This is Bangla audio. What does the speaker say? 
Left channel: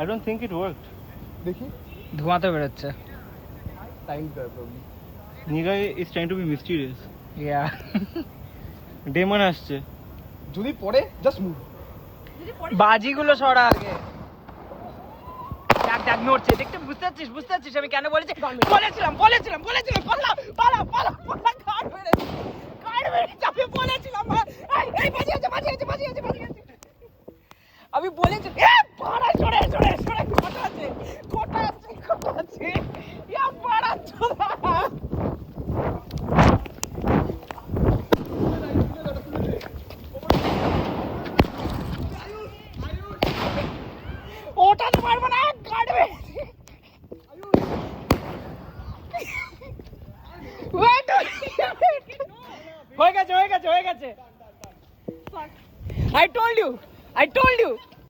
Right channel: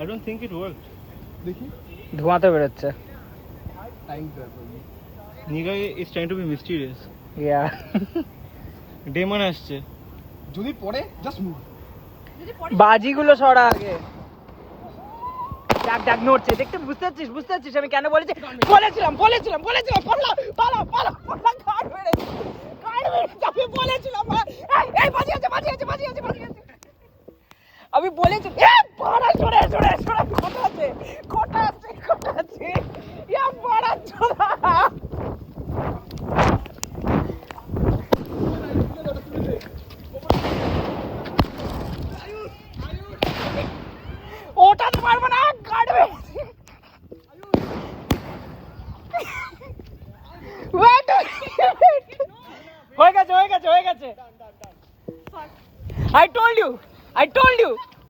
I don't think it works. দেখি ধোঁয়া তো বেরোচ্ছে। Time probably. Niga is trying to be mysterious. Yeah. Demon আসছে। যদি পড়ে just move. বাজিগুলো সরা আগে। ডাক নড়ছে, দেখতে বুঝতে পারছিস আমি কেন বলেছি? বলেছিলাম পালা আমি বলেছিলাম এই বাজি আছে আমি বলেছি পালা সরে খোটা আছে ইয়া পালা চোদা ওটাতে পারবো না কাটবে হয়ে গেছে I told you